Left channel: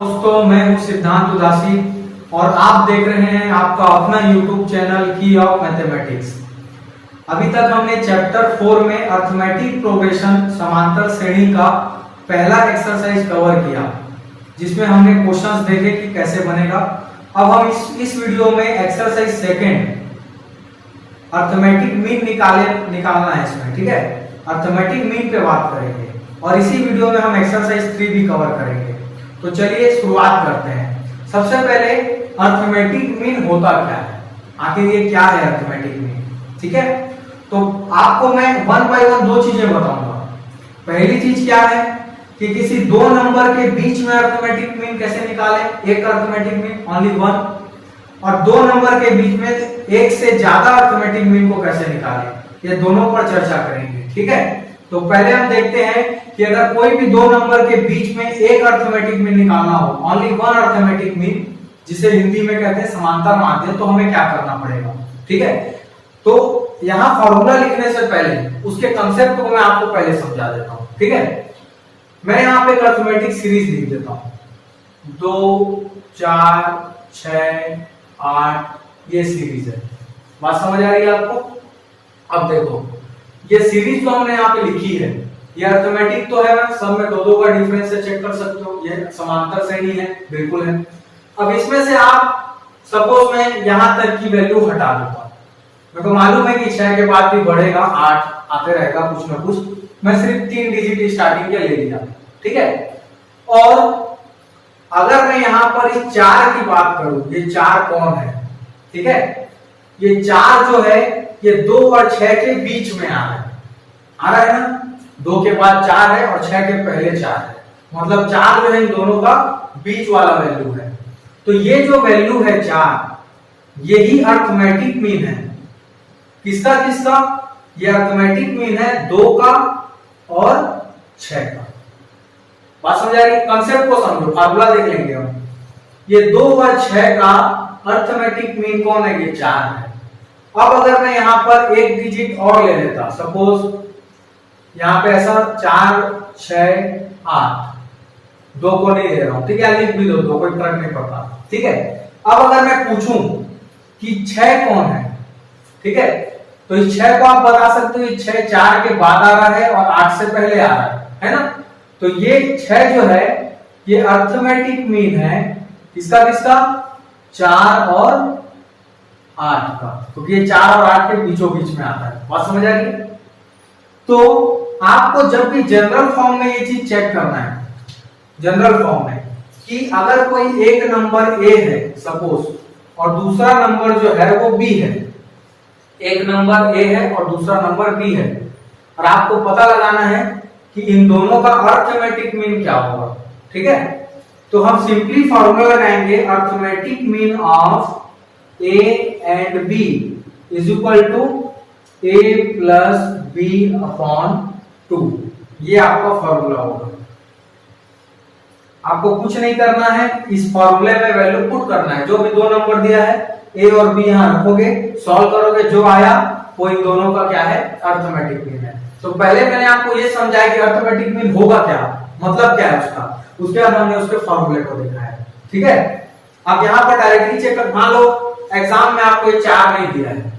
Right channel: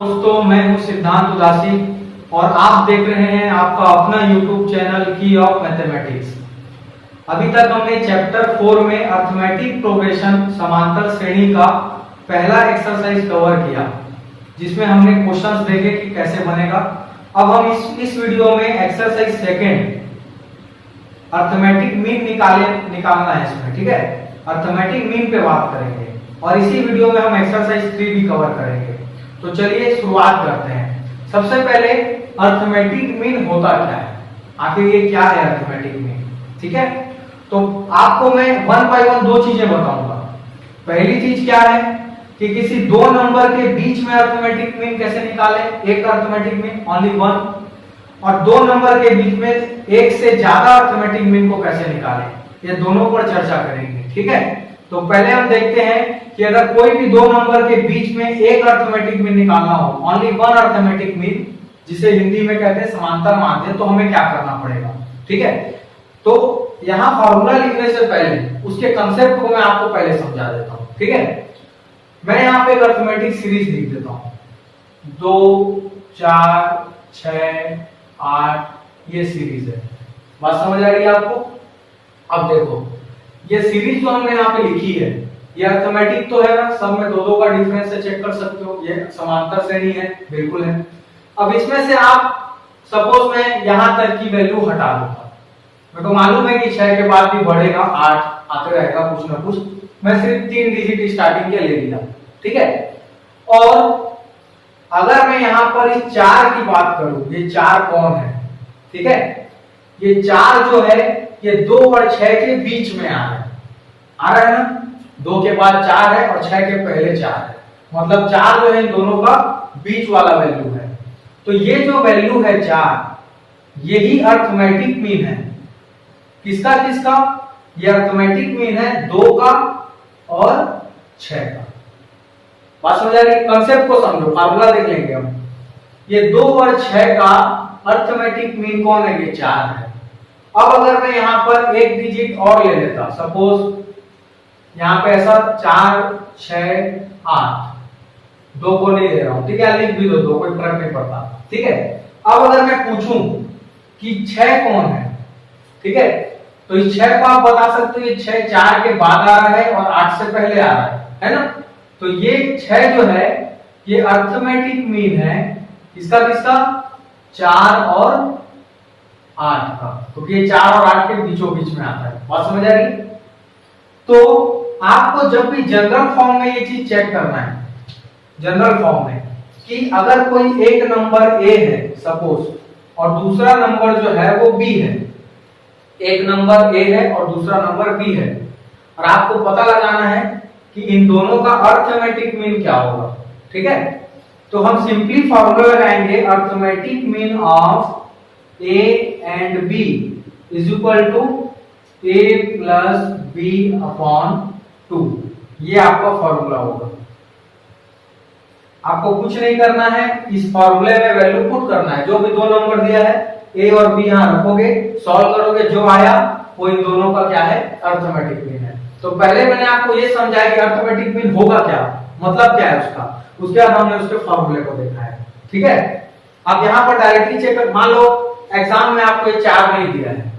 दोस्तों, मैं हूं सिद्धांत उदासी और आप देख रहे हैं आपका अपना YouTube चैनल की ऑफ मैथमेटिक्स। अभी तक हमने चैप्टर 4 में अर्थमेटिक प्रोग्रेशन समांतर श्रेणी का पहला एक्सरसाइज कवर किया, जिसमें हमने क्वेश्चंस देखे कि कैसे बनेगा। अब हम इस वीडियो में एक्सरसाइज सेकंड अर्थमेटिक मीन निकालना है इसमें, ठीक है। अर्थमेटिक मीन पे बात करेंगे और इसी वीडियो में हम एक्सरसाइज 3 भी कवर करेंगे। तो चलिए शुरुआत करते हैं। सबसे पहले अर्थमेटिक मीन होता क्या है, आखिर ये क्या है अर्थमेटिक मीन, ठीक है। तो आपको मैं वन बाय वन दो चीजें बताऊंगा। पहली चीज क्या है कि किसी दो नंबर के बीच में अर्थमेटिक मीन कैसे निकालें, एक अर्थमेटिक मीन ओनली वन, और दो नंबर के बीच में एक से ज्यादा अर्थमेटिक मीन को कैसे निकालें, ये दोनों पर चर्चा करेंगे, ठीक है। तो पहले हम देखते हैं कि अगर कोई भी दो नंबर के बीच में एक अर्थमेटिक मीन निकालना हो, ओनली वन अर्थमेटिक मीन, जिसे हिंदी में कहते हैं समांतर माध्य, तो हमें क्या करना पड़ेगा, ठीक है। तो यहां फॉर्मूला लिखने से पहले उसके कंसेप्ट को मैं आपको पहले समझा देता हूं, ठीक है। मैं यहां पे एक अर्थमेटिक सीरीज लिख देता हूं, 2 4 6 8, ये सीरीज है। बात समझ आ रही है आपको। अब देखो, ये सीरीज जो हमने यहाँ पे लिखी है, ये अर्थमेटिक तो है, सब में दो दो का डिफरेंस से चेक कर सकते हो, ये समांतर श्रेणी है, बिल्कुल है। अब इसमें से आप सपोज मैं यहां तक की वैल्यू हटा दूंगा, मेरे को मालूम है कि 6 के बाद भी बढ़ेगा, 8 आते रहेगा कुछ ना कुछ, मैं सिर्फ 3 डिजिट स्टार्टिंग के ले लिया, ठीक है। और अगर मैं यहां पर इस 4 की बात करूं, ये 4 कौन है, ठीक है। ये 4 जो है ये 2 और 6 के बीच में आ रहा है ना, 2 के बाद 4 है और 6 के पहले 4 है, मतलब 4 जो है इन दोनों का बीच वाला वैल्यू है। तो ये जो वैल्यू है 4, यही अर्थमेटिक मीन है। किसका किसका? ये अर्थमेटिक मीन है 2 का और 6 का। बात समझ आ रही है? कंसेप्ट को समझो, फार्मूला देख लेंगे हम। ये 2 और 6 का अर्थमेटिक मीन कौन है? ये 4 है। अब अगर मैं यहां पर एक डिजिट और ले लेता, सपोज यहां पे ऐसा 4 6 8, 2 को नहीं ले रहा हूं, ठीक है, लिख भी दो, कोई फर्क नहीं पड़ता, ठीक है। अब अगर मैं पूछूं कि 6 कौन है, ठीक है, तो इस 6 को आप बता सकते हो, ये 6 4 के बाद आ रहा है और 8 से पहले आ रहा है ना। तो ये 6 जो है ये अर्थमेटिक मीन है, इसका किसका? 4 और 8 का, क्योंकि ये 4 और 8 के बीचों बीच में आता है। बात समझ आ रही है? तो आपको जब भी जनरल फॉर्म में ये चीज चेक करना है, जनरल फॉर्म में, कि अगर कोई एक नंबर ए है सपोज और दूसरा नंबर जो है वो बी है, एक नंबर ए है और दूसरा नंबर बी है, और आपको पता लगाना है कि इन दोनों का अर्थमेटिक मीन क्या होगा, ठीक है। तो हम सिंपली फॉर्मूला लगाएंगे, arithmetic mean of A and B is equal to a plus B upon 2। ये आपका फॉर्मूला होगा। आपको कुछ नहीं करना है, इस फॉर्मूले में वैल्यू पुट करना है, जो भी दो नंबर दिया है a और b यहां रखोगे, सॉल्व करोगे, जो आया वो इन दोनों का क्या है? अर्थमेटिक मीन है। तो पहले मैंने आपको ये समझाया कि अर्थमेटिक मीन होगा क्या, मतलब क्या है उसका, उसके बाद हमने उसके फॉर्मूले को देखा है, ठीक है। अब यहां पर डायरेक्टली चेक कर, मान लो एग्जाम में आपको ये 4 नहीं दिया है,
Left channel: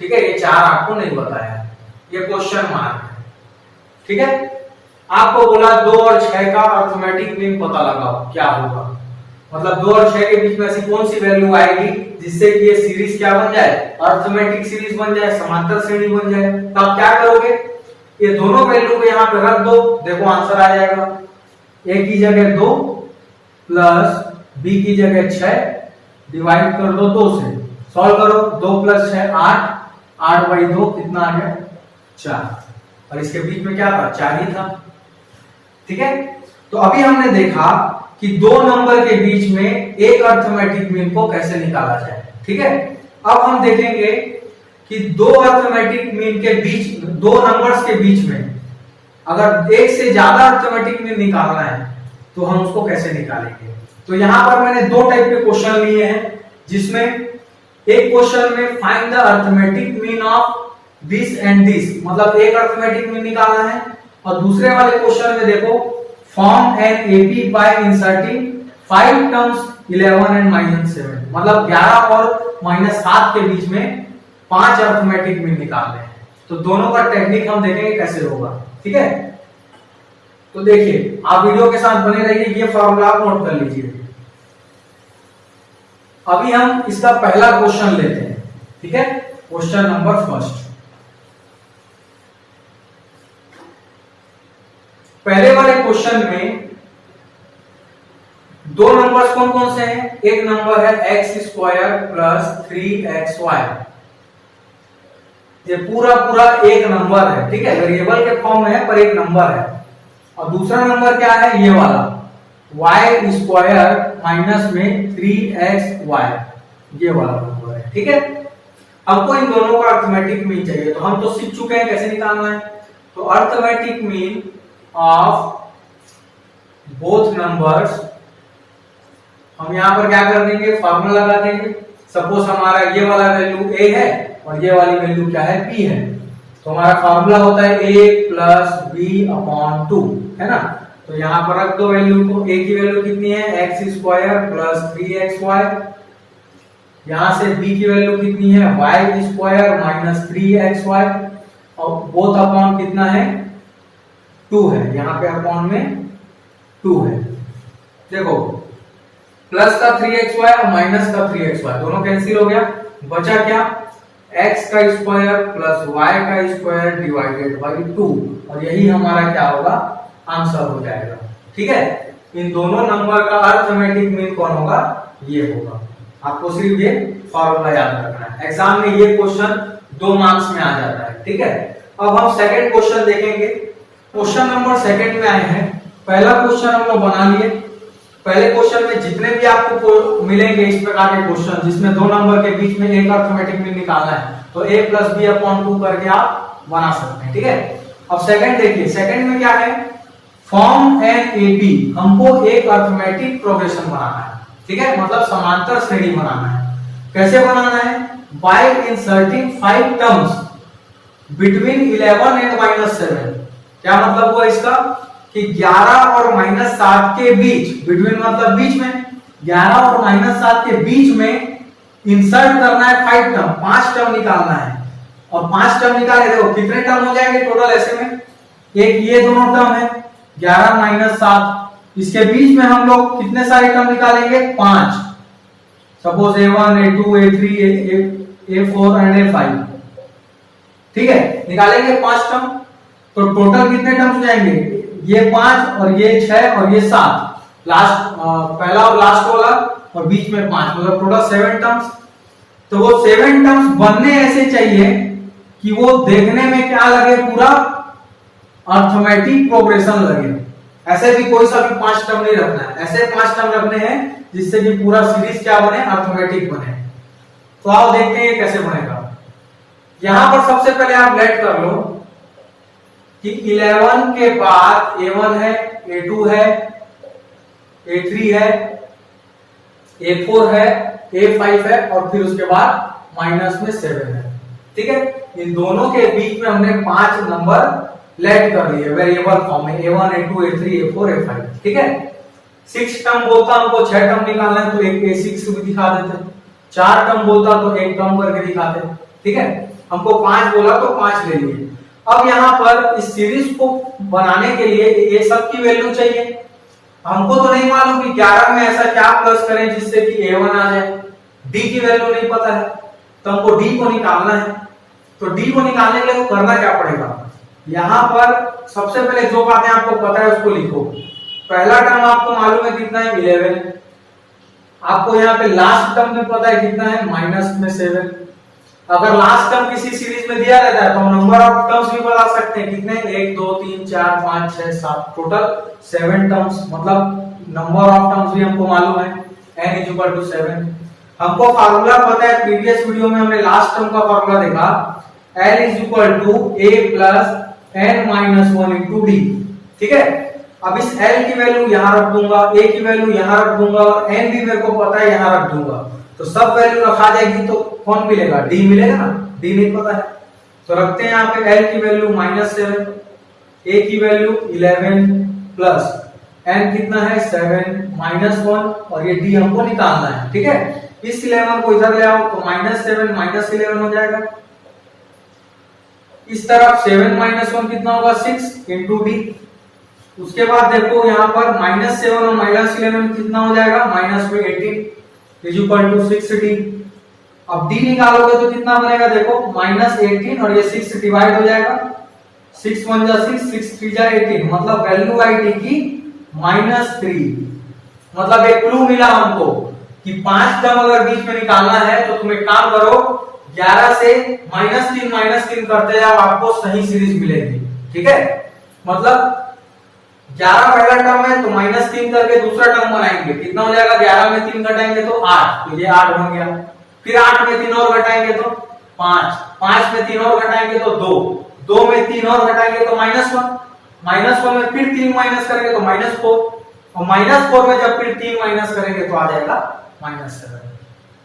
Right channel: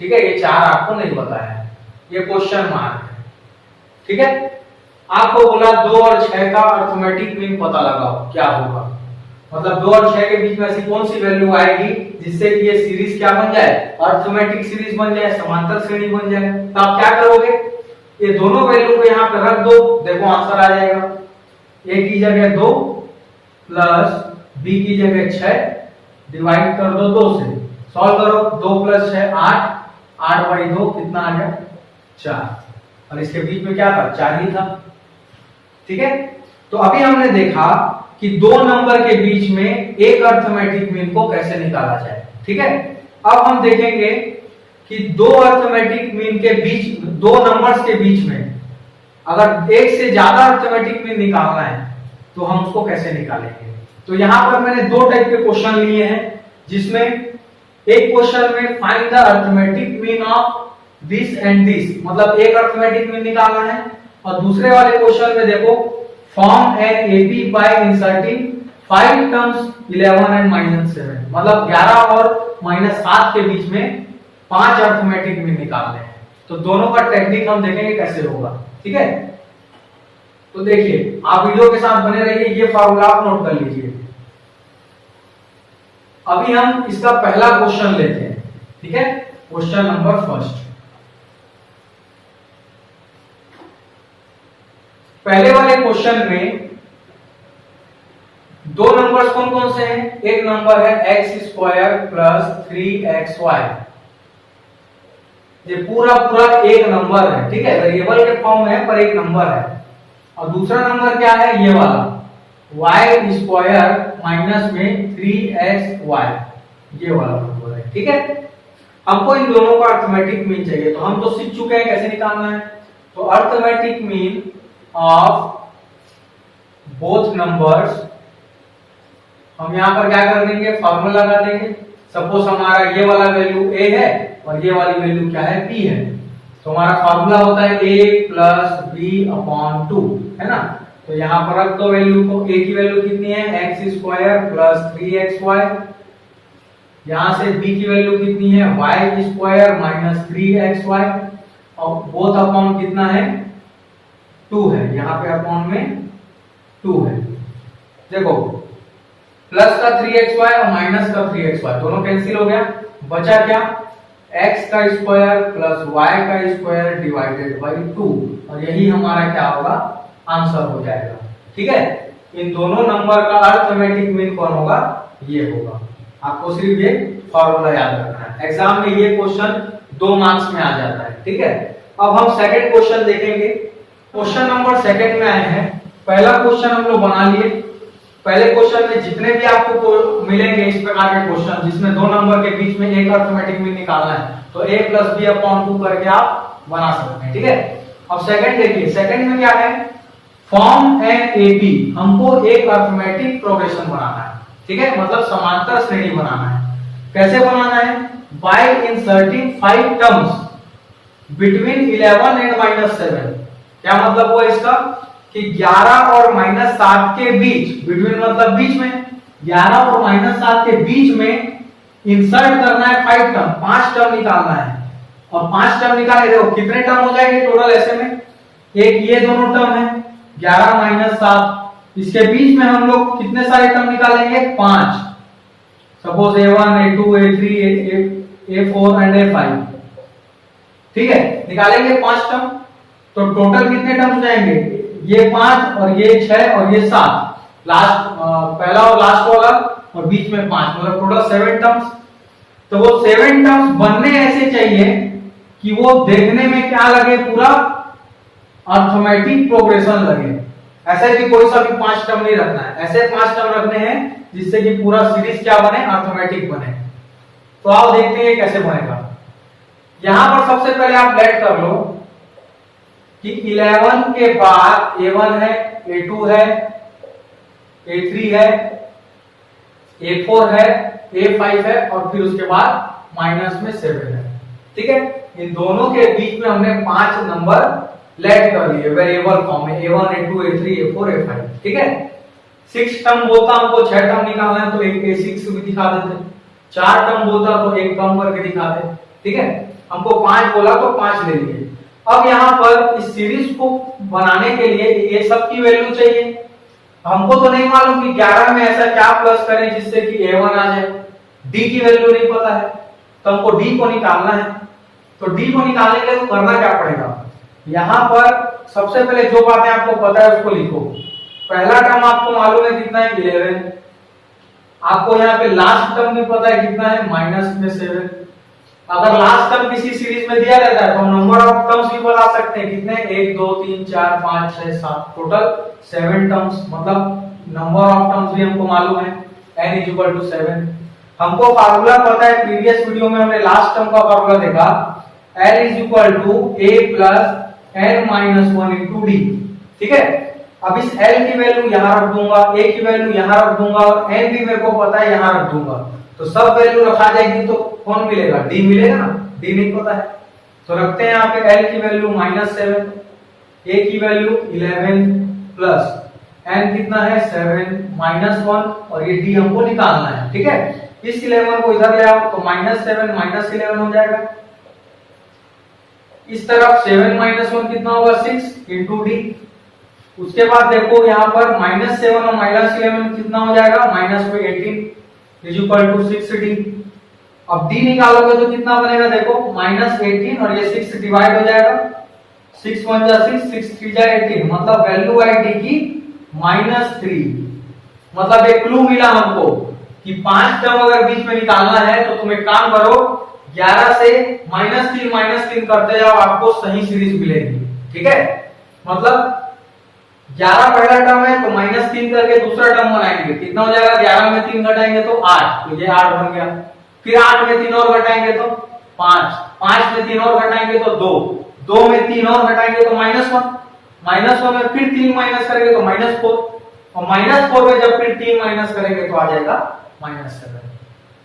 ठीक है, ये 4 आपको नहीं बताया है, ये क्वेश्चन मार्क है, ठीक है। आपको बोला 2 और 6 का अर्थमेटिक मीन पता लगाओ, क्या होगा, मतलब 2 और 6 के बीच में ऐसी कौन सी वैल्यू आएगी जिससे कि ये सीरीज क्या बन जाए? अर्थमेटिक सीरीज बन जाए, समांतर श्रेणी बन जाए। तो आप क्या करोगे? ये दोनों वैल्यू को यहाँ पे रख दो, देखो आंसर आ जाएगा। a की जगह 2 प्लस b की जगह 6, डिवाइड कर दो 2 से, सॉल्व करो, 2 प्लस 6 8, 8 बाई 2 कितना आ गया? 4, और इसके बीच में क्या था? 4 ही था, ठीक है। तो अभी हमने देखा कि दो नंबर के बीच में एक अर्थमेटिक मीन को कैसे निकाला जाए, ठीक है। अब हम देखेंगे कि दो अर्थमेटिक मीन के बीच, दो नंबर्स के बीच में अगर एक से ज्यादा अर्थमेटिक मीन निकालना है तो हम उसको कैसे निकालेंगे। तो यहां पर मैंने दो टाइप के क्वेश्चन लिए हैं, जिसमें एक क्वेश्चन में find the arithmetic mean of this and this, मतलब एक अर्थमेटिक मीन निकालना है, और दूसरे वाले क्वेश्चन में देखो form an AB by inserting 5 terms 11 and -7, मतलब 11 और -7 के बीच में 5 अर्थमेटिक मीन निकालने हैं। तो दोनों का टेक्निक हम देखेंगे कैसे होगा, ठीक है। तो देखिए आप वीडियो के साथ बने रहिए, ये फॉर्मूला आप नोट कर लीजिए। अभी हम इसका पहला क्वेश्चन लेते हैं, ठीक है। क्वेश्चन नंबर फर्स्ट, पहले वाले क्वेश्चन में दो नंबर्स कौन कौन से हैं? एक नंबर है x² प्लस 3xy, ये पूरा पूरा एक नंबर है, ठीक है, वेरिएबल के फॉर्म में है पर एक नंबर है। और दूसरा नंबर क्या है? ये वाला y² माइनस में 3xy, ये वाला नंबर है, ठीक है। हमको इन दोनों का अर्थमेटिक मीन चाहिए, तो हम तो सीख चुके हैं कैसे निकालना है। तो arithmetic mean of both numbers, हम यहां पर क्या कर देंगे? फॉर्मूला लगा देंगे। सपोज हमारा ये वाला वैल्यू a है और ये वाली वैल्यू क्या है? b है। तो हमारा फॉर्मूला होता है a प्लस b/2, है ना। तो यहां पर रख दो वैल्यू को। a की वैल्यू कितनी है? x² plus 3xy। यहां से b की वैल्यू कितनी है? y² माइनस 3xy, और बोथ अपॉन कितना है? 2 है, यहां पे अपॉन में 2 है। देखो प्लस का 3xy और माइनस का 3xy दोनों कैंसिल हो गया, बचा क्या? x का स्क्वायर प्लस y का स्क्वायर डिवाइडेड बाई 2, और यही हमारा क्या होगा? आंसर हो जाएगा, ठीक है। इन दोनों नंबर का अर्थमेटिक मीन कौन होगा? ये होगा। आपको सिर्फ ये फॉर्मूला याद रखना है, एग्जाम में ये क्वेश्चन 2 मार्क्स में आ जाता है, ठीक है। अब हम सेकंड क्वेश्चन देखेंगे। क्वेश्चन नंबर सेकंड में आए हैं। पहला क्वेश्चन हम लोग बना लिए। पहले क्वेश्चन में जितने भी आपको मिलेंगे इस प्रकार के क्वेश्चन जिसमें दो नंबर के बीच में एक अर्थमेटिक मीन निकालना है, तो a प्लस b/2 करके आप बना सकते हैं, ठीक है। अब सेकंड देखिए, सेकंड में क्या है? फॉर्म एन ए बी, हमको एक अर्थमेटिक प्रोग्रेशन बनाना है, ठीक है, मतलब समांतर श्रेणी बनाना है। कैसे बनाना है? Bye inserting 5 terms between 11 and -7। क्या मतलब हुआ इसका? कि 11 और -7 के बीच, बिटवीन मतलब बीच में, 11 और -7 के बीच में इंसर्ट करना है 5 टर्म, 5 टर्म निकालना है। और 5 टर्म निकाले, देखो कितने टर्म हो जाएंगे टोटल ऐसे में? एक ये दोनों टर्म है 11 - 7, इसके बीच में हम लोग कितने सारे टर्म निकालेंगे? 5। Suppose a1 a2 a3 a4 and a5, ठीक है, निकालेंगे 5 टर्म। तो टोटल कितने टर्म्स हो जाएंगे? ये 5 और ये 6 और ये 7, लास्ट पहला और लास्ट वाला, और बीच में 5, मतलब टोटल 7 टर्म्स। तो वो 7 टर्म्स बनने ऐसे चाहिए कि वो देखने में क्या लगे? पूरा अर्थमेटिक प्रोग्रेशन लगे। ऐसे भी कोई सा भी 5 टर्म नहीं रखना है, ऐसे 5 टर्म रखने हैं जिससे कि पूरा सीरीज क्या बने? अर्थमेटिक बने। तो आओ देखते हैं ये कैसे बनेगा। यहां पर सबसे पहले आप लेट कर लो कि 11 के बाद a1 है, a2 है, a3 है, a4 है, a5 है, और फिर उसके बाद माइनस में 7 है, ठीक है। इन दोनों के बीच में हमने 5 नंबर लेट कर लिए वेरिएबल फॉर्म में, a1 a2 a3 a4 a5, ठीक है। 6 टर्म बोलता हमको 6 टर्म निकालना है, तो एक a6 भी दिखा देते। 4 टर्म बोलता तो एक कम करके दिखाते, ठीक है। हमको 5 बोला तो 5 ले लिए। अब यहाँ पर इस सीरीज को बनाने के लिए ये सब की वैल्यू चाहिए। हमको तो नहीं मालूम कि 11 में ऐसा क्या प्लस करें जिससे कि a1 आ जाए। d की वैल्यू नहीं पता है, तो हमको d को निकालना है। तो d को निकालने के लिए तो करना क्या पड़ेगा? यहाँ पर सबसे पहले जो बातें आपको पता है उसको लिखो। पहला टर्म आपको मालूम है कितना है? 11। आपको यहाँ पे लास्ट टर्म भी पता है कितना है? माइनस में 7। अगर लास्ट टर्म किसी सीरीज में दिया रहता है तो हम नंबर ऑफ टर्म्स भी बता सकते हैं कितने? 1 2 3 4 5 6 7, टोटल 7 टर्म्स, मतलब नंबर ऑफ टर्म्स भी हमको मालूम है n = 7। हमको फार्मूला पता है, प्रीवियस वीडियो में हमने लास्ट टर्म का फार्मूला देखा, l = a + n - 1 × d, ठीक है। अब इस l की वैल्यू यहां रख दूंगा, a की वैल्यू यहां रख दूंगा, और n भी मेरे को पता है यहां रख दूंगा। तो सब वैल्यू रखा जाएगी तो कौन मिलेगा? d मिलेगा ना, d नहीं पता है तो रखते हैं यहाँ पे l की वैल्यू -7, a की वैल्यू 11 प्लस n कितना है 7 -1 और ये d हमको निकालना है। ठीक है, इस 11 को इधर ले आओ तो -7 -11 हो जाएगा। इस तरफ 7 -1 कितना होगा 6 इंटू डी। उसके बाद देखो यहाँ पर -7 और -11 कितना हो जाएगा -18 इज इक्वल टू 6d। अब d निकालोगे तो कितना बनेगा देखो -18 और ये 6 डिवाइड हो जाएगा, 6 1 जा 6 6 3 जा 18, मतलब वैल्यू आई डी की -3। मतलब एक क्लू मिला हमको कि 5 टर्म अगर बीच में निकालना है तो तुम एक काम करो 11 से -3 करते जाओ, आपको सही सीरीज मिलेगी। ठीक है, मतलब 11 पहला टर्म है तो -3 करके दूसरा टर्म बनाएंगे, कितना हो जाएगा 11 में 3 घटाएंगे तो 8, तो ये 8 बन गया। फिर 8 में 3 और घटाएंगे तो 5, 5 में 3 और घटाएंगे तो 2, 2 में 3 और घटाएंगे तो -1 में फिर 3 माइनस करेंगे तो -4 और -4 में जब फिर 3 माइनस करेंगे तो आ जाएगा -7।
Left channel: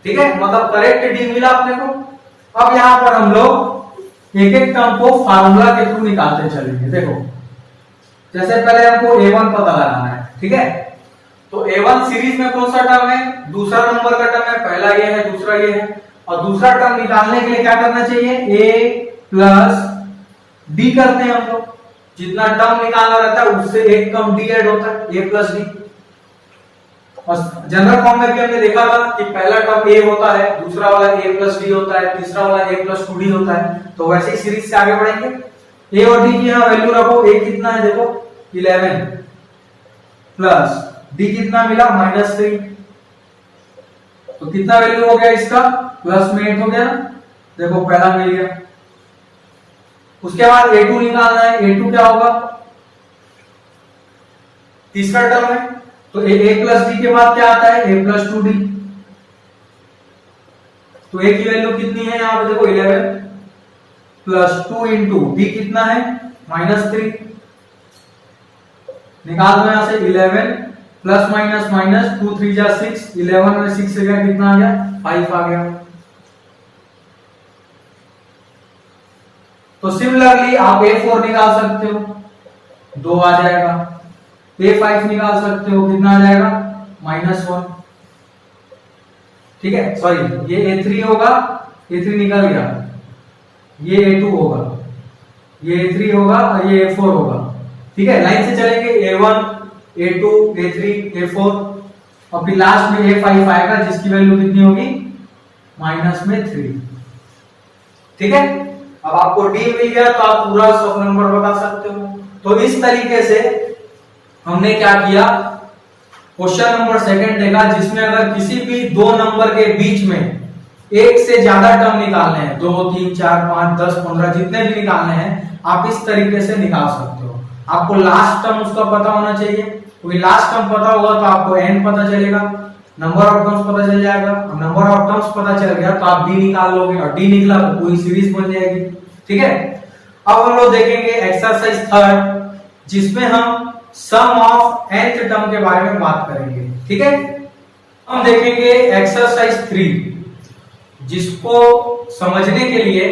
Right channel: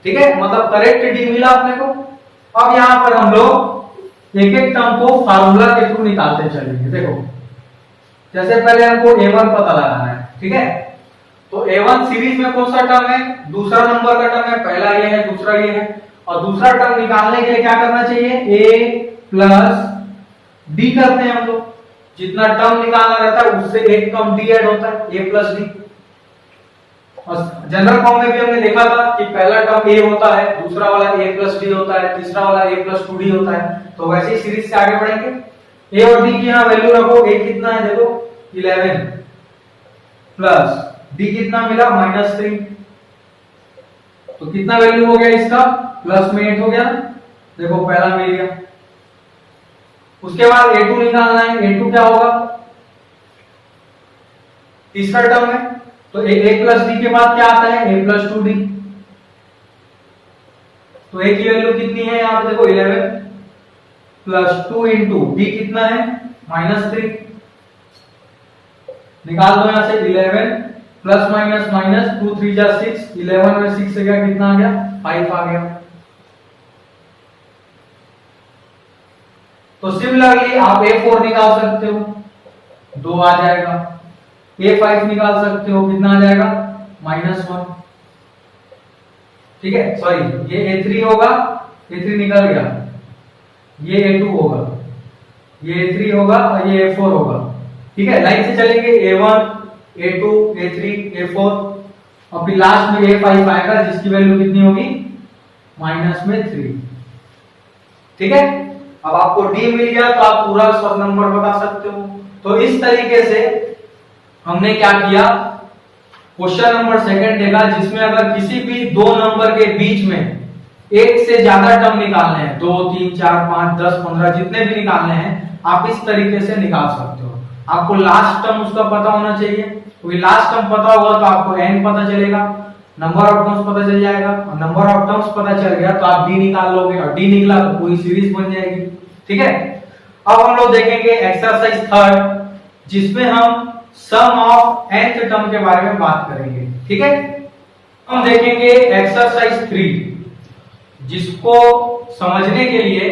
ठीक है, मतलब करेक्ट डी मिला अपने को। अब यहाँ पर हम लोग एक एक टर्म को फार्मूला के थ्रू निकालते चलेंगे। देखो जैसे पहले हमको a1 पता लगाना है। ठीक है, तो a1 सीरीज में कौन सा टर्म है, दूसरा नंबर का टर्म है, पहला ये है दूसरा ये है, और दूसरा टर्म निकालने के लिए क्या करना चाहिए a प्लस d करते हैं हम लोग। जितना टर्म निकालना रहता है उससे एक टर्म d ऐड होता है, a प्लस d। और जनरल फॉर्म में भी हमने देखा था कि पहला टर्म a होता है, दूसरा वाला a प्लस d होता है, तीसरा वाला a प्लस 2d होता है। तो वैसे ही सीरीज से आगे बढ़ेंगे। a और d की यहाँ वैल्यू रखो, a कितना है देखो 11 प्लस d कितना मिला -3, तो कितना वैल्यू हो गया इसका प्लस में 8 हो गया, देखो पहला मिल गया। उसके बाद a2 निकालना है, a2 क्या होगा तीसरा टर्म है, तो a प्लस d के बाद क्या आता है a प्लस 2d। तो a की वैल्यू कितनी है यहाँ पे देखो 11 प्लस 2 इंटू d कितना है -3। निकाल दो यहां से 11 प्लस माइनस माइनस 2 3 जा 6, 11 में 6 से गया कितना आ गया 5 आ गया। तो सिमिलरली आप a4 निकाल सकते हो, 2 आ जाएगा। a5 निकाल सकते हो, कितना आ जाएगा -1। ठीक है, सॉरी ये a3 होगा, a3 निकल गया, ये a2 होगा, ये a3 होगा और ये a4 होगा। ठीक है, लाइन से चलेंगे a1 a2 a3 a4 और फिर लास्ट में a5 आएगा जिसकी वैल्यू कितनी होगी -3। ठीक है, अब आपको d मिल गया तो आप पूरा सब नंबर बता सकते हो। तो इस तरीके से हमने क्या किया, क्वेश्चन नंबर सेकंड देगा जिसमें अगर किसी भी दो नंबर के बीच में एक से ज्यादा टर्म निकालने हैं, 2 3 4 5 10 15 जितने भी निकालने हैं, आप इस तरीके से निकाल सकते हो। आपको लास्ट टर्म उसका पता होना चाहिए, क्योंकि लास्ट टर्म पता होगा तो आपको n पता चलेगा, नंबर ऑफ टर्म्स पता चल जाएगा, और नंबर ऑफ टर्म्स पता चल गया तो आप d निकाल लोगे, और d निकला तो पूरी सीरीज बन जाएगी। ठीक है, अब हम लोग देखेंगे एक्सरसाइज थर्ड जिसमें हम सम ऑफ nth टर्म के बारे में बात करेंगे। ठीक है, हम देखेंगे एक्सरसाइज 3 जिसको समझने के लिए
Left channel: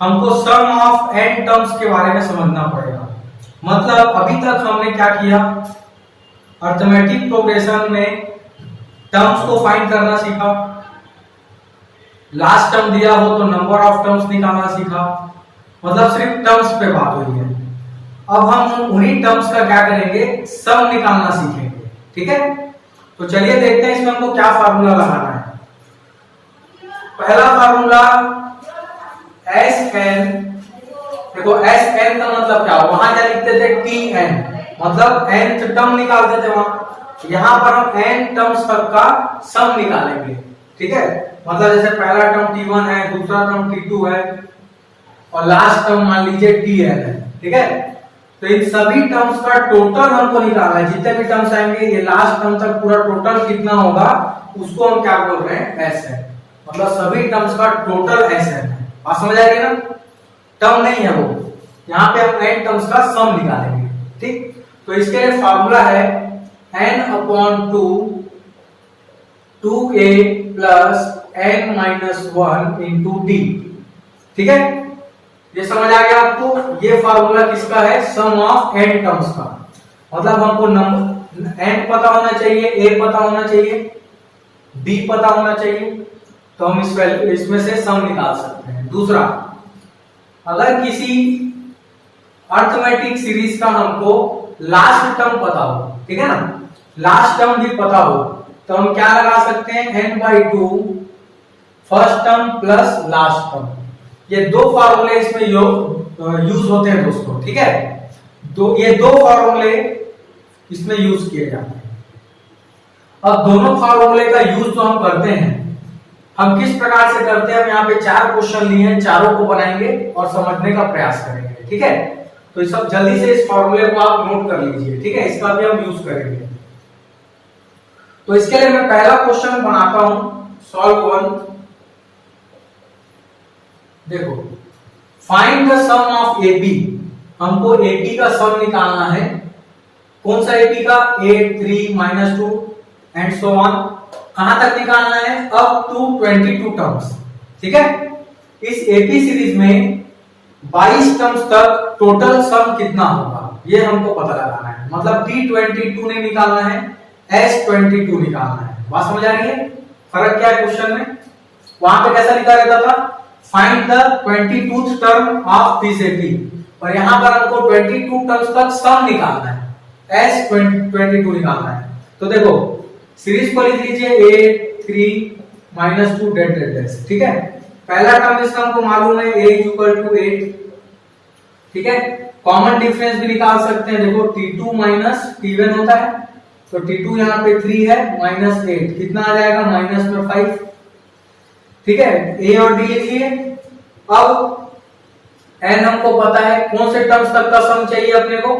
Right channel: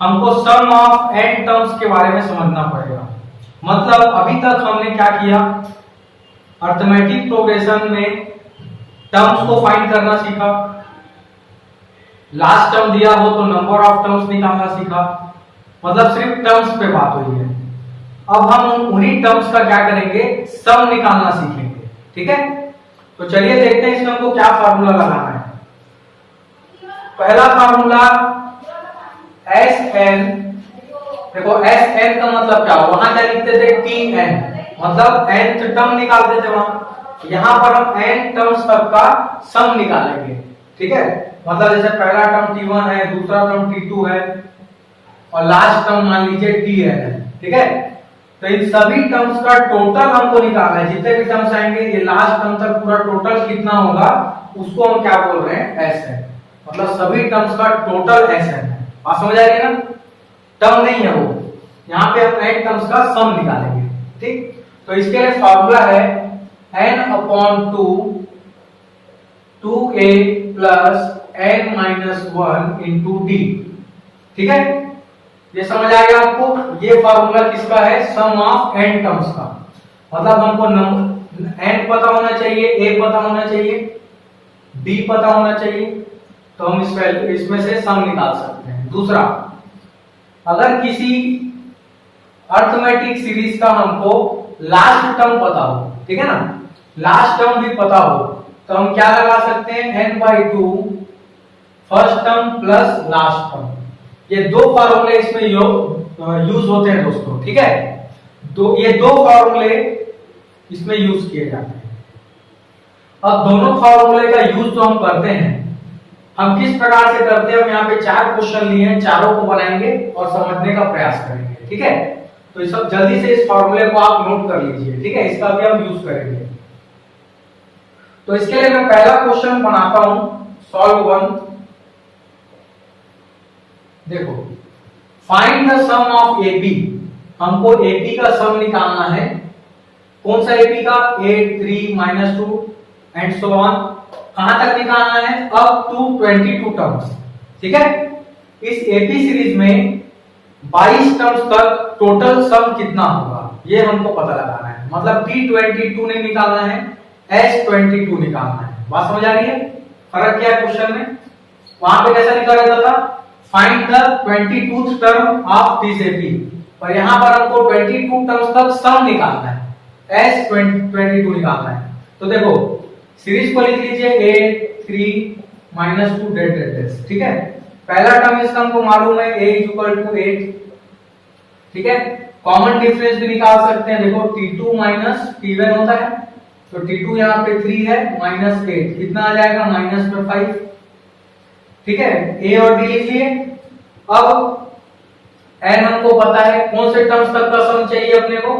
हमको सम ऑफ n टर्म्स के बारे में समझना पड़ेगा। मतलब अभी तक हमने क्या किया, अर्थमेटिक प्रोग्रेशन में टर्म्स को फाइंड करना सीखा, लास्ट टर्म दिया हो तो नंबर ऑफ टर्म्स निकालना सीखा, मतलब सिर्फ टर्म्स पे बात हुई है। अब हम उन्हीं टर्म्स का क्या करेंगे, सम निकालना सीखेंगे। ठीक है, तो चलिए देखते हैं इसमें हमको क्या फार्मूला लगाना है। पहला फार्मूला Sn, देखो Sn का मतलब क्या, वहां क्या लिखते थे Tn, मतलब nth टर्म निकालते थे वहां, यहां पर हम n टर्म्स तक का सम निकालेंगे। ठीक है, मतलब जैसे पहला टर्म t1 है, दूसरा टर्म t2 है और लास्ट टर्म मान लीजिए tn है। ठीक है, तो इन सभी टर्म्स का टोटल हमको निकालना है, जितने भी टर्म्स आएंगे ये लास्ट टर्म तक पूरा टोटल कितना होगा उसको हम क्या बोल रहे हैं Sn, मतलब सभी टर्म्स का टोटल Sn है। बात समझ आ रही है ना, टर्म नहीं है वो, यहाँ पे हम n टर्म्स का सम निकालेंगे। ठीक, तो इसके लिए फार्मूला है n/2 2a plus n-1 into d। ठीक है, ये समझ आ गया आपको, ये फार्मूला किसका है, सम ऑफ n टर्म्स का। मतलब हमको n पता होना चाहिए, a पता होना चाहिए, b पता होना चाहिए, तो हम इसमें से सम निकाल सकते हैं। दूसरा, अगर किसी अर्थमेटिक सीरीज का हमको लास्ट टर्म पता हो, ठीक है ना, लास्ट टर्म भी पता हो, तो हम क्या लगा सकते हैं, n/2 first term plus last term. ये दो फार्मूले इसमें यूज होते हैं दोस्तों, ठीक है, ये दो फार्मूले इसमें यूज किए जाते हैं। अब दोनों फार्मूले का यूज जो हम करते हैं, हम किस प्रकार से करते हैं, हम यहाँ पे 4 क्वेश्चन लिए हैं, चारों को बनाएंगे और समझने का प्रयास करेंगे, ठीक है। तो इस सब जल्दी से इस फॉर्मूले को आप नोट कर लीजिए, ठीक है, इसका भी हम यूज करेंगे। तो इसके लिए मैं पहला क्वेश्चन बनाता हूं, सॉल्व 1। देखो, find the sum of AB, हमको एबी का सम निकालना है। कौन सा एबी का, 8, 3, -2 एंड सो ऑन। कहां तक निकालना है, अप टू 22 टर्म्स, ठीक है। इस एबी सीरीज में 22 टर्म्स तक टोटल सम कितना होगा, ये हमको पता लगाना है। मतलब T22 नहीं निकालना है, S22 निकालना है। बात समझ आ रही है, फर्क क्या है क्वेश्चन में। वहां पे कैसा लिखा रहता था, find the 22th term of this AB, और यहां पर हमको 22 टर्म्स तक सम निकालना है, S22 निकालना है। तो देखो, सीरीज को लिख लीजिए 8, 3, -2 डेड, ठीक है। पहला टर्म इसका हमको मालूम है, a = 8, ठीक है। कॉमन डिफरेंस भी निकाल सकते हैं, देखो T2 - T1 होता है, तो T2 यहाँ पे 3 है, -8 कितना आ जाएगा, -5, ठीक है। a और d लिख लिए। अब n हमको पता है, कौन से टर्म्स तक का सम चाहिए अपने को,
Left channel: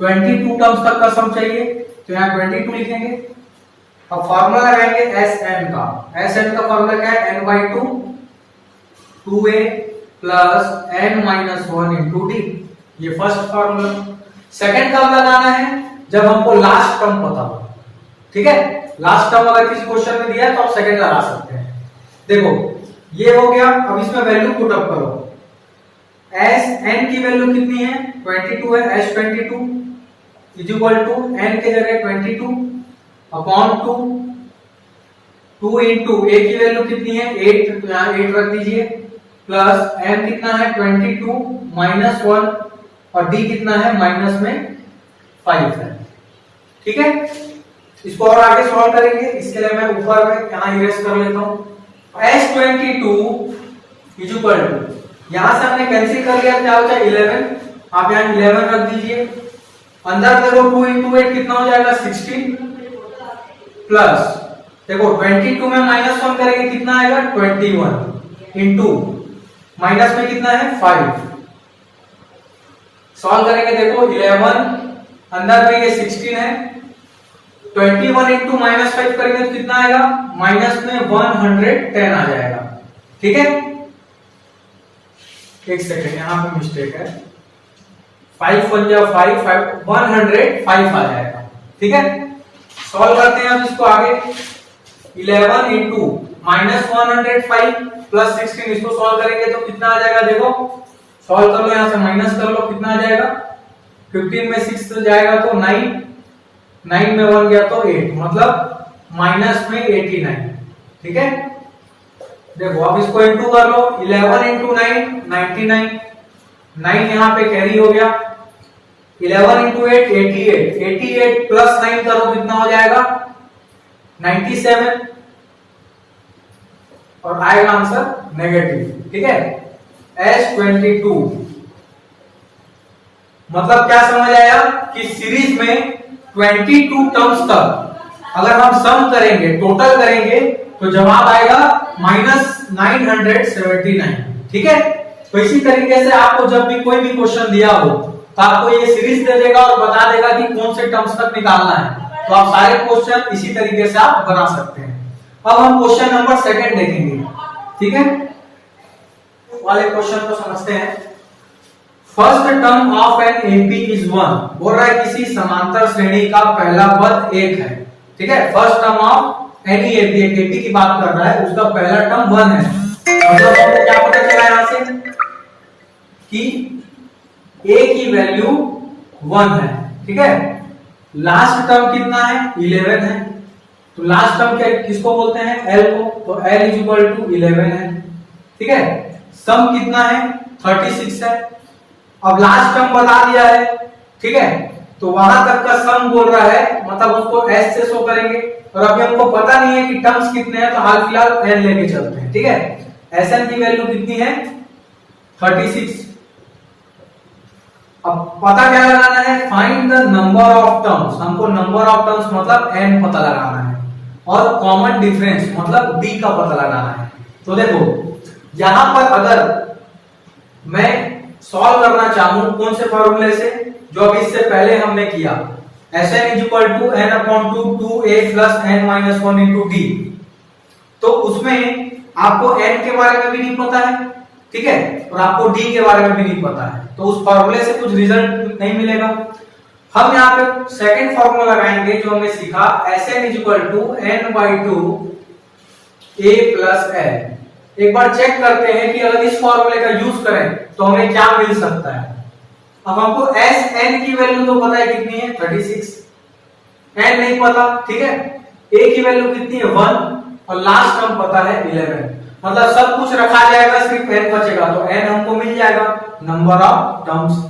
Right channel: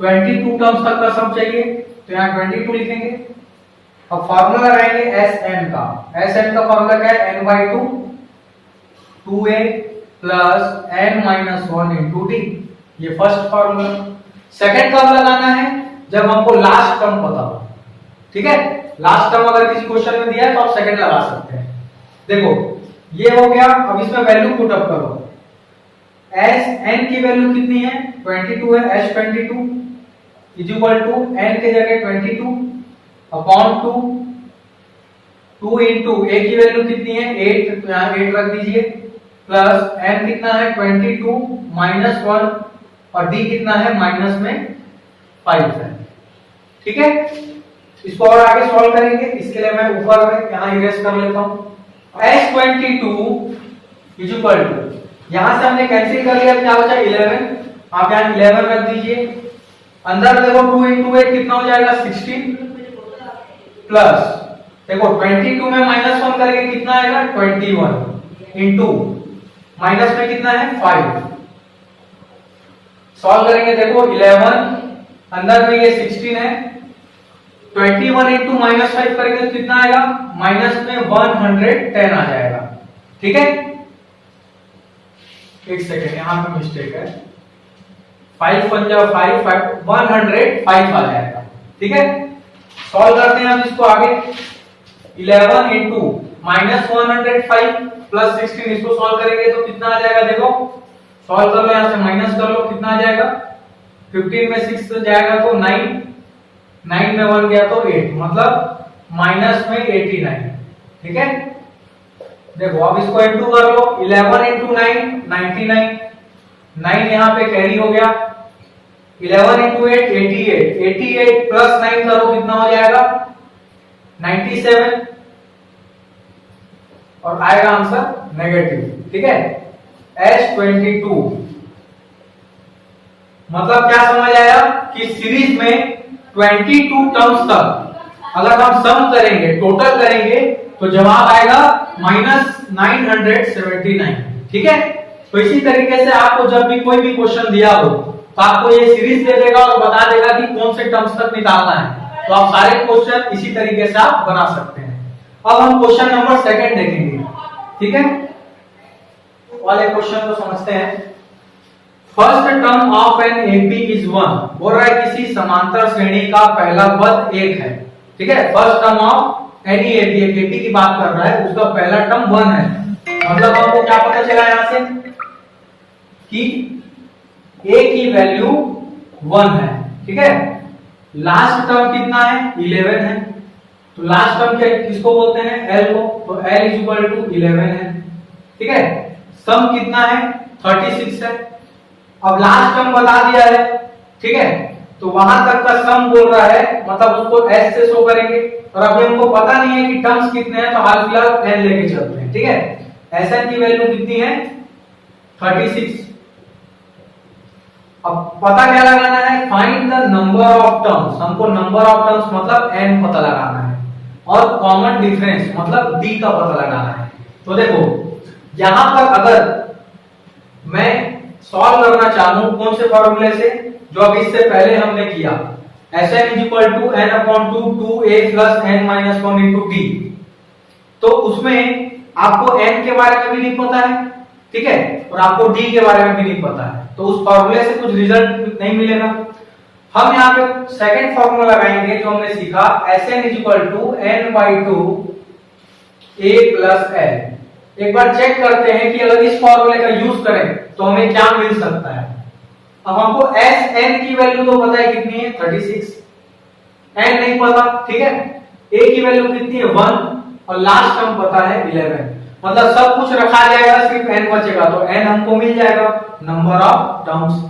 22 टर्म्स तक का सम चाहिए, तो यहाँ 22 लिखेंगे। अब फॉर्मूला लगाएंगे Sn का, Sn का फॉर्मूला क्या है, n/2 2a plus n-1 into d, ये फर्स्ट फॉर्मूला। सेकंड कब लगाना है, जब हमको लास्ट टर्म पता हो, ठीक है। लास्ट टर्म अगर किसी क्वेश्चन में दिया है तो आप सेकंड लगा सकते हैं। देखो, ये हो गया। अब इसमें वैल्यू पुट अप करो। Sn की वैल्यू कितनी है, 22 है, S22 = n के जगह 22 अपॉन 2 इंटू a की वैल्यू कितनी है, 8, तो यहाँ 8 रख दीजिए, प्लस n कितना है, 22 -1, और d कितना है, -5 है, ठीक है। इसको और आगे सॉल्व करेंगे, इसके लिए मैं ऊपर में यहाँ इरेज कर लेता हूँ। S22 = यहां से हमने कैंसिल कर लिया, क्या बचा 11, आप यहाँ 11 रख दीजिए। अंदर देखो 2 इंटू 8 कितना हो जाएगा, 16, प्लस देखो 22 में -1 करेंगे कितना आएगा, 21 इंटू माइनस में कितना है, 5। सॉल्व करेंगे, देखो 11 अंदर में ये 16 है, 21 इंटू -5 करेंगे तो कितना आएगा, माइनस में 110 आ जाएगा, ठीक है। एक सेकेंड, यहां पे मिस्टेक है, 5 × 5 105 आ जाएगा, ठीक है। सॉल्व करते हैं हम इसको आगे। 11 इंटू -105 प्लस 16, इसको सॉल्व करेंगे तो कितना आ जाएगा, देखो सॉल्व कर लो, यहां से माइनस कर लो, कितना आ जाएगा, 15 में 6 जाएगा तो 9, 9 में 1 गया तो 8, मतलब माइनस में 89, ठीक है। देखो अब इसको इंटू कर लो, 11 इंटू 9 99, 9 यहाँ पे कैरी हो गया, 11 इंटू 8 88, 88 प्लस 9 करो कितना हो जाएगा, 97, और आएगा आंसर नेगेटिव, ठीक है। S22 मतलब क्या समझ आया कि सीरीज में 22 टर्म्स तक अगर हम सम करेंगे, टोटल करेंगे, तो जवाब आएगा -979, ठीक है। तो इसी तरीके से आपको जब भी कोई भी क्वेश्चन दिया हो तो आपको ये सीरीज दे देगा और बता देगा कि कौन से टर्म्स तक निकालना है, तो आप सारे क्वेश्चन इसी तरीके से आप बना सकते हैं। अब हम क्वेश्चन नंबर 2 देखेंगे, ठीक है। वाले क्वेश्चन को समझते हैं। First term of an AP is 1, बोल रहा है किसी समांतर श्रेणी का पहला पद 1 है, ठीक है। First term of any AP, एक एपी की बात कर रहा है, उसका पहला टर्म 1 है, मतलब हमको क्या पता चला यहां से कि a की वैल्यू 1 है, ठीक है। लास्ट टर्म कितना है 11 है, तो लास्ट टर्म क्या किसको बोलते हैं L को, तो L इज इक्वल टू 11 है। ठीक है, सम कितना है 36 है। अब लास्ट टर्म बता दिया है, ठीक है, तो वहां तक का सम बोल रहा है, मतलब उसको S से शो करेंगे। और अभी हमको पता नहीं है कि टर्म्स कितने हैं, तो हाल फिलहाल n लेके चलते हैं। ठीक है, Sn की वैल्यू कितनी है 36। अब पता क्या लगाना है, find the number of terms. हमको नंबर ऑफ टर्म्स मतलब n पता लगाना है, और कॉमन डिफरेंस मतलब b का पता लगाना है। तो देखो यहां पर अगर मैं सॉल्व करना चाहूं कौन से फॉर्मूले से, जो अभी इससे पहले हमने किया, Sn is equal to n upon 2a plus n minus 1 into d, तो उसमें आपको n के बारे में भी नहीं पता है, ठीक है, और आपको d के बारे में भी नहीं पता है, तो उस फॉर्मूले से कुछ रिजल्ट नहीं मिलेगा। हम यहाँ पे सेकंड फॉर्मूला लगाएंगे जो हमने सीखा, Sn is equal to n by 2 a plus n। एक बार चेक करते हैं कि अगर इस फॉर्मूले का यूज करें तो हमें क्या मिल सकता है। अब हमको Sn की वैल्यू तो पता है कितनी है 36, n नहीं पता, ठीक है, a की वैल्यू कितनी है 1, और लास्ट टर्म पता है 11, मतलब सब कुछ रखा जाएगा, सिर्फ n बचेगा, तो n हमको मिल जाएगा नंबर ऑफ टर्म्स।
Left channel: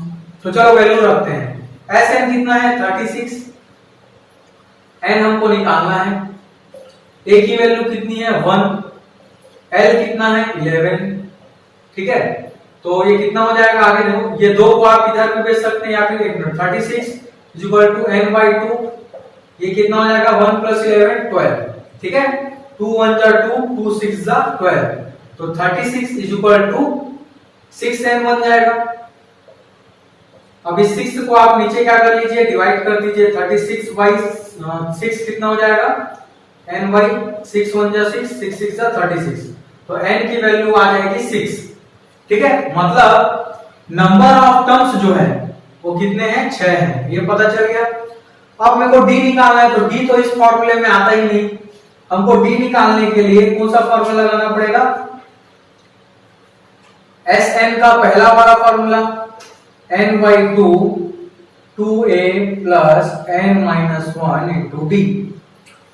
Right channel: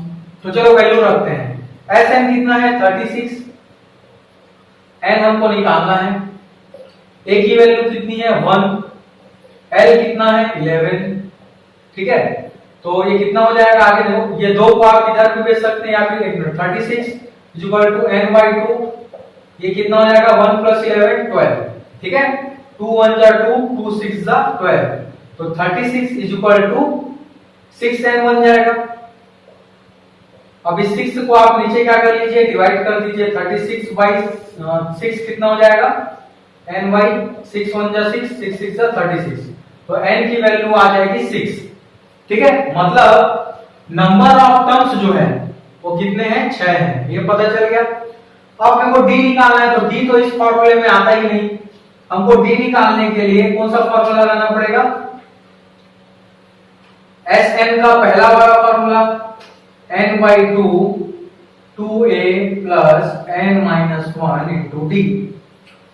तो चलो वैल्यू रखते हैं, Sn कितना है 36, n हमको निकालना है, a की वैल्यू कितनी है 1, L कितना है 11, ठीक है, तो ये कितना हो जाएगा आगे देखो, ये 2 को आप इधर भी भेज सकते हैं, या फिर 36 is equal to n by 2, ये कितना हो जाएगा 1 प्लस 11 12, ठीक है, 2 1 जा 2, 2 6 जा 12, तो 36 इज इक्वल टू 6n बन जाएगा। अब इस 6 को आप नीचे क्या कर लीजिए, डिवाइड कर दीजिए, 36 बाई 6 कितना हो जाएगा n बाई 6 1 जा 6, 6 6 जा 36, तो n की वैल्यू आ जाएगी 6, ठीक है, मतलब नंबर ऑफ टर्म्स जो है वो कितने हैं 6 हैं, ये पता चल गया। अब मेरे को d निकालना है, तो d तो इस फॉर्मूले में आता ही नहीं, हमको d निकालने के लिए कौन सा फॉर्मूला लगाना पड़ेगा, Sn का पहला वाला formula n by 2 2a plus n minus 1 into D.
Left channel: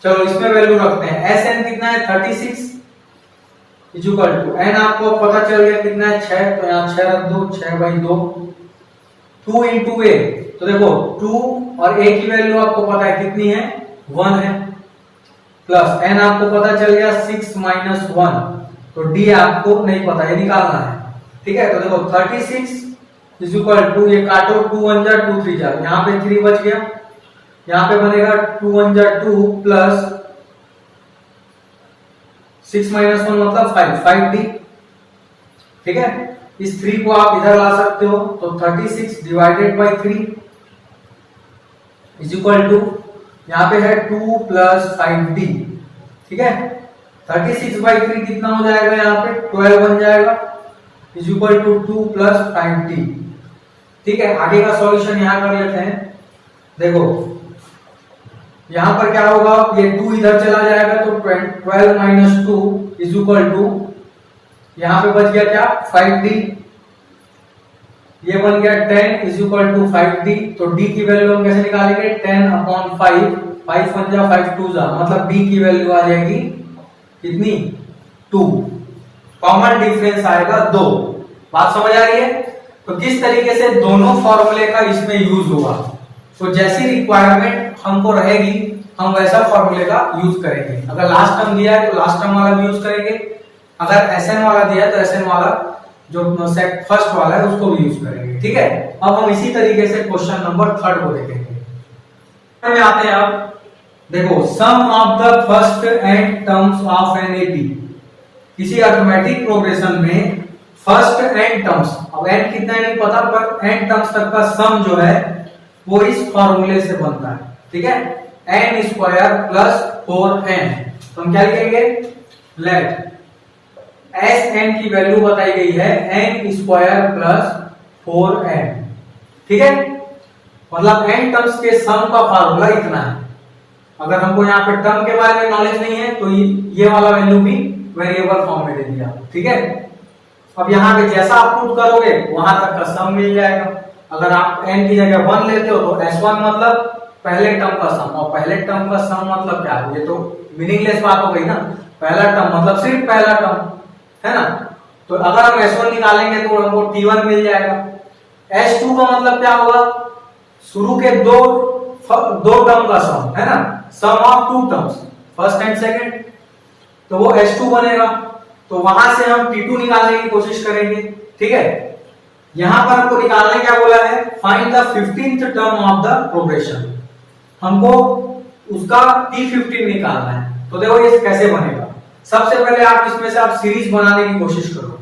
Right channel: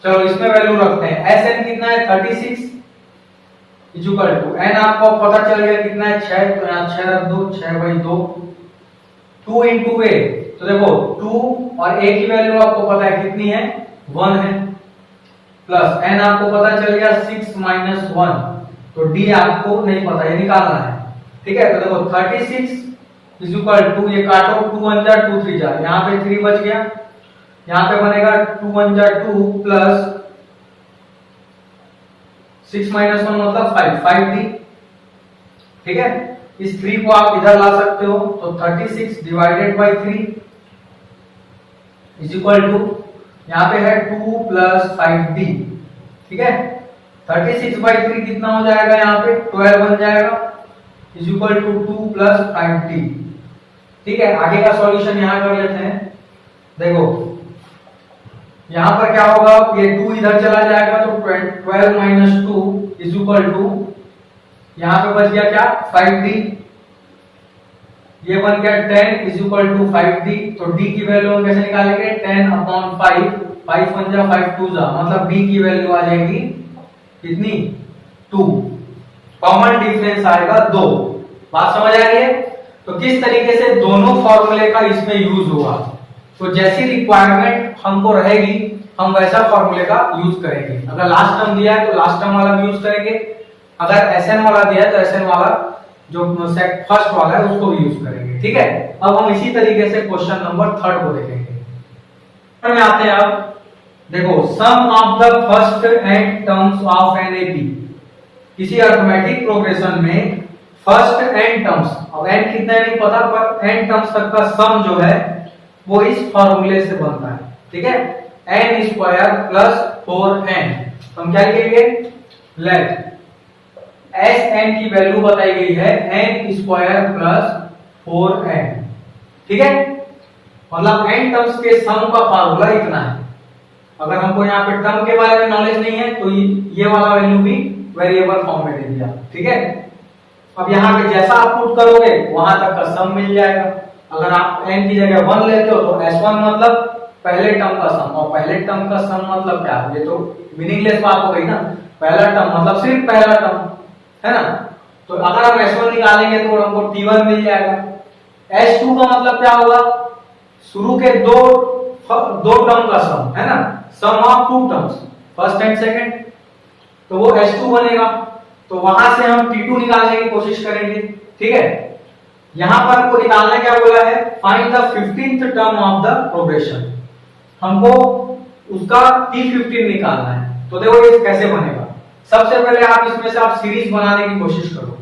चलो इसमें वैल्यू रखते हैं, Sn कितना है 36 इज इक्वल टू n आपको पता चल गया कितना है 6, तो यहाँ 6 रख दो, 6 बाई 2, 2 इंटू a, तो देखो 2 और a की वैल्यू आपको पता है कितनी है 1 है, प्लस n आपको पता चल गया 6 माइनस 1, तो d आपको नहीं पता, ये निकालना है, ठीक है, तो देखो 36 इज इक्वल टू, ये काटो 2 1 जा 2 3 जा, यहाँ पे 3 बच गया, यहाँ पे बनेगा 2 1 जा 2 प्लस 6 माइनस 1 मतलब 5 5d, ठीक है, इस 3 को आप इधर ला सकते हो, तो 36 divided by 3 is equal to, यहाँ पे है 2 प्लस 5d, ठीक है, 36 बाई 3 कितना हो जाएगा, यहाँ पे 12 बन जाएगा, is equal to 2 plus 5d, ठीक है। आगे का सॉल्यूशन यहाँ कर लेते हैं, देखो यहां पर क्या होगा, ये 2 इधर चला जाएगा, तो 12 माइनस 2 इज इक्वल टू, यहां पे बच गया क्या 5d, ये बन गया 10 इज इक्वल टू 5d, तो d की वैल्यू हम कैसे निकालेंगे 10 अपॉन 5, 5 1 जा 5 2 जा, मतलब b की वैल्यू आ जाएगी कितनी 2, कॉमन डिफरेंस आएगा 2। बात समझ आ रही है? तो किस तरीके से दोनों फॉर्मूले का इसमें यूज होगा, तो जैसी रिक्वायरमेंट हमको रहेगी हम वैसा फॉर्मूले का यूज करेंगे। अगर लास्ट टर्म दिया है तो लास्ट टर्म वाला भी यूज करेंगे, अगर Sn वाला दिया है तो Sn वाला जो फर्स्ट वाला है उसको भी यूज करेंगे, ठीक है। अब हम इसी तरीके से क्वेश्चन नंबर 3 को देखेंगे। में आते हैं, अब देखो sum of the first n terms of an AP, किसी अरिथमेटिक प्रोग्रेशन में फर्स्ट एंड टर्म्स, अब एंड कितना नहीं पता, पर एंड टर्म्स तक का सम जो है वो इस फॉर्मूले से बनता है, ठीक है, n स्क्वायर प्लस 4n, तो हम क्या लिखेंगे, लेट Sn की वैल्यू बताई गई है n स्क्वायर प्लस 4n, ठीक है, मतलब n टर्म्स के सम का फार्मूला इतना है। अगर हमको यहाँ पे टर्म के बारे में नॉलेज नहीं है तो ये वाला वैल्यू भी वेरिएबल फॉर्म में दे दिया, ठीक है। अब यहाँ पे जैसा आप पुट करोगे वहां तक का सम मिल जाएगा। अगर आप n की जगह 1 लेते हो तो S1 मतलब पहले टर्म का सम, और पहले टर्म का सम मतलब क्या, ये तो मीनिंगलेस बात हो गई ना। पहला टर्म मतलब सिर्फ पहला टर्म है ना। तो अगर हम S1 निकालेंगे तो हमको T1 मिल जाएगा। S2 का मतलब क्या होगा, शुरू के दो टर्म का सम है ना, sum of two terms first and second, तो वो S2 बनेगा। तो वहां से हम T2 निकालने की कोशिश करेंगे, ठीक है। यहां पर हमको निकालना क्या बोला है, find the 15th term of the progression, हमको उसका T15 निकालना है। तो देखो ये कैसे बनेगा, सबसे पहले आप इसमें से आप सीरीज बनाने की कोशिश करो,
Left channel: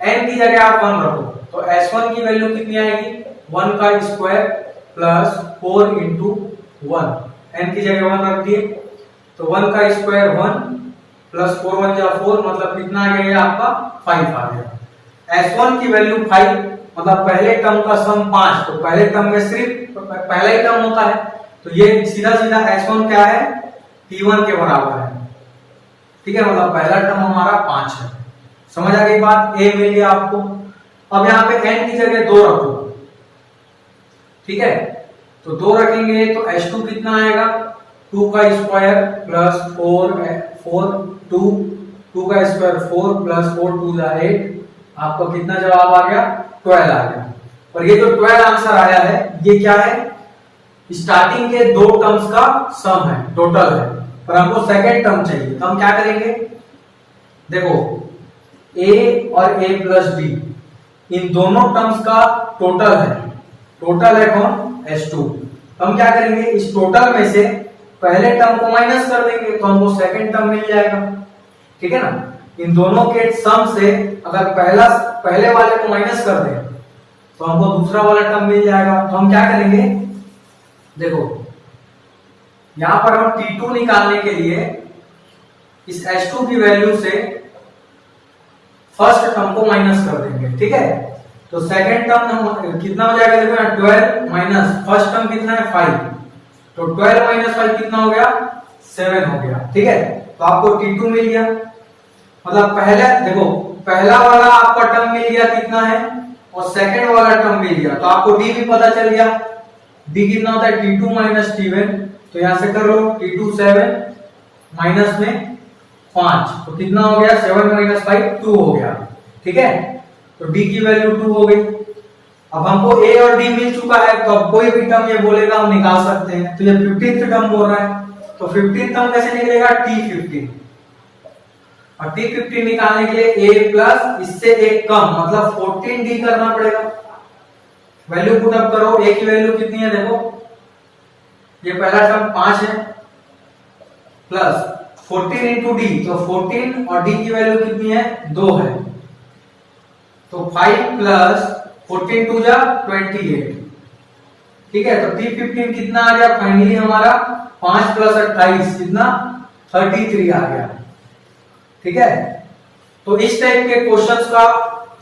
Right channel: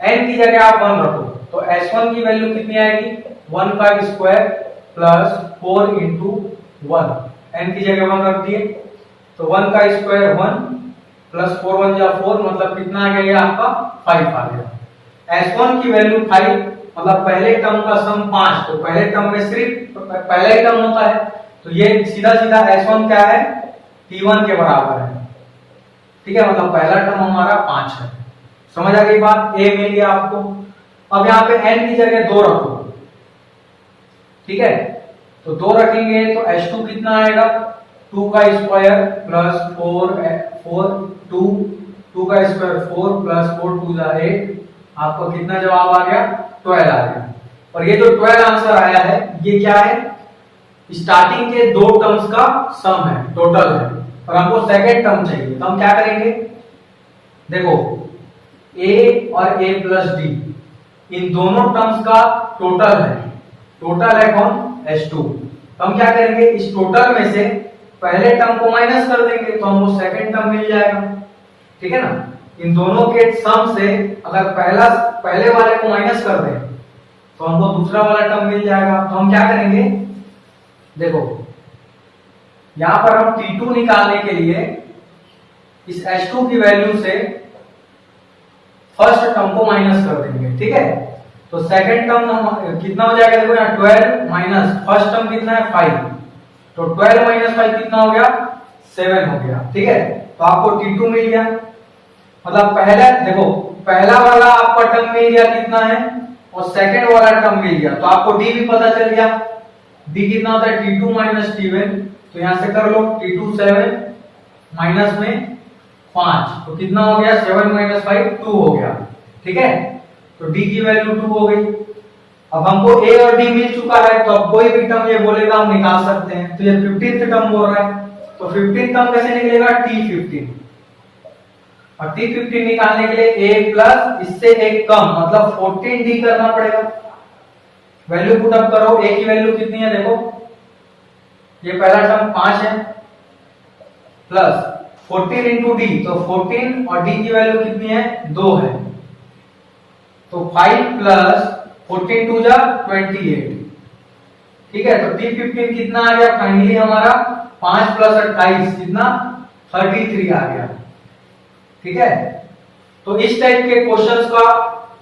n की जगह आप 1 रखो, तो S1 की वैल्यू कितनी आएगी, 1 का स्क्वायर प्लस 4 इंटू 1, n की जगह 1 रख दिए, तो 1 का स्क्वायर 1 प्लस 4 1 जा 4, मतलब कितना आ गया आपका 5 आ गया। S1 की वैल्यू 5, मतलब पहले टर्म का सम 5, तो पहले टर्म में सिर्फ पहला ही टर्म होता है, तो ये सीधा सीधा S1 क्या है, T1 के बराबर है, ठीक है। मतलब पहला टर्म हमारा 5 है। समझ आ गई बात, A मिल गया आपको। अब यहाँ पे n की जगह 2 रखो, ठीक है, तो 2 रखेंगे तो S2 कितना आएगा, 2 का स्क्वायर प्लस 4 2 का स्क्वायर 4 प्लस 4 2 जा 8, आपको कितना जवाब आ गया, 12 आ गया। और ये जो 12 आंसर आया है ये क्या है, स्टार्टिंग के दो टर्म्स का सम है, टोटल है, और हमको सेकेंड टर्म चाहिए। तो हम क्या करेंगे, देखो a और a प्लस डी, इन दोनों टर्म्स का टोटल है, टोटल है कौन, S2। तो हम क्या करेंगे, इस टोटल में से पहले टर्म को माइनस कर देंगे तो हमको सेकेंड टर्म मिल जाएगा, ठीक है ना। इन दोनों के सम से अगर पहले वाले को माइनस कर दें तो हमको दूसरा वाला टर्म मिल जाएगा। तो हम क्या करेंगे, देखो यहां पर हम T2 निकालने के लिए इस S2 की वैल्यू से फर्स्ट टर्म को माइनस कर देंगे, ठीक है। तो सेकंड टर्म कितना हो जाएगा, देखो यहाँ 12 माइनस फर्स्ट टर्म कितना है 5, तो 12 माइनस 5 कितना हो गया, 7 हो गया, ठीक है। तो आपको T2 मिल गया, मतलब पहला देखो पहला वाला आपका टर्म मिल गया कितना है, और सेकंड वाला टर्म मिल गया, तो आपको D भी पता चल गया, D कितना होता है T2 माइनस T1, तो यहां से कर लो T2 7 माइनस में 5, तो कितना हो गया 7 माइनस 5 2 हो गया, ठीक है। तो D की वैल्यू 2 हो गई। अब हमको A और D मिल चुका है, तो अब कोई भी टर्म ये बोलेगा हम निकाल सकते हैं। तो ये 15th टर्म बोल रहा है, तो 15th टर्म कैसे निकलेगा, T15, और T15 निकालने के लिए A प्लस इससे एक कम मतलब 14D करना पड़ेगा। वैल्यू पुट अप करो, A की वैल्यू कितनी है, देखो ये पहला टर्म 5 है, प्लस 14 इंटू डी, तो 14 और D की वैल्यू कितनी है, 2 है, तो 5 प्लस 14 2 जा 28, ठीक है। तो T15 कितना आ गया, फाइनली हमारा 5 प्लस 28 कितना 33 आ गया, ठीक है। तो इस टाइप के क्वेश्चंस का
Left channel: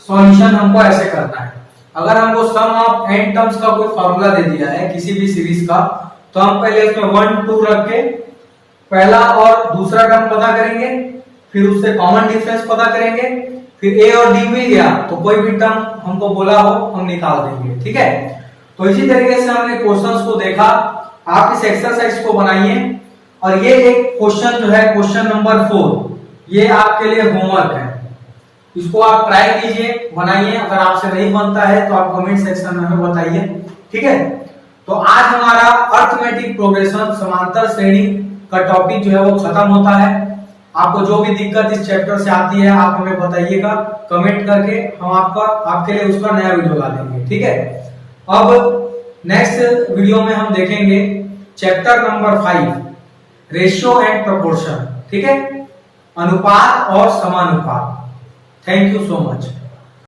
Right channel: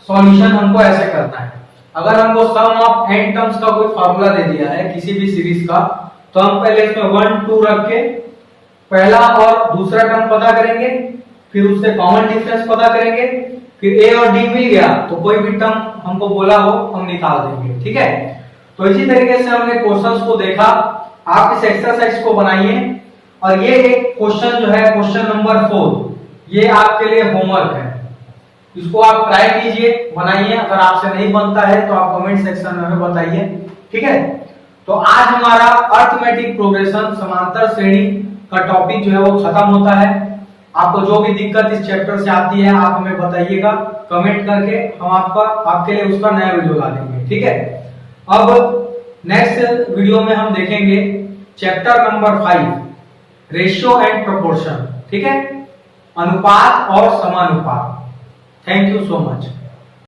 सॉल्यूशन हमको ऐसे करना है। अगर हमको सम ऑफ n टर्म्स का कोई फार्मूला दे दिया है किसी भी सीरीज का, तो हम पहले इसमें 1 2 रख के पहला और दूसरा टर्म पता करेंगे, फिर उससे कॉमन डिफरेंस पता करेंगे, फिर A और D मिल गया तो कोई भी टर्म हमको बोला हो हम निकाल देंगे, ठीक है। तो इसी तरीके से हमने क्वेश्चंस को देखा, आप इस एक्सरसाइज को बनाइए, और ये एक क्वेश्चन जो है क्वेश्चन नंबर 4, ये आपके लिए होमवर्क है, इसको आप ट्राई कीजिए, बनाइए। अगर आपसे नहीं बनता है तो आप कमेंट सेक्शन में हमें बताइए, ठीक है। तो आज हमारा अर्थमेटिक प्रोग्रेशन समांतर श्रेणी का टॉपिक जो है वो खत्म होता है। आपको जो भी दिक्कत इस चैप्टर से आती है आप हमें बताइएगा कमेंट करके, हम आपके लिए उसका नया वीडियो ला देंगे, ठीक है। अब नेक्स्ट वीडियो में हम देखेंगे chapter number 5, ratio and proportion, ठीक है, अनुपात और समानुपात। Thank you so much.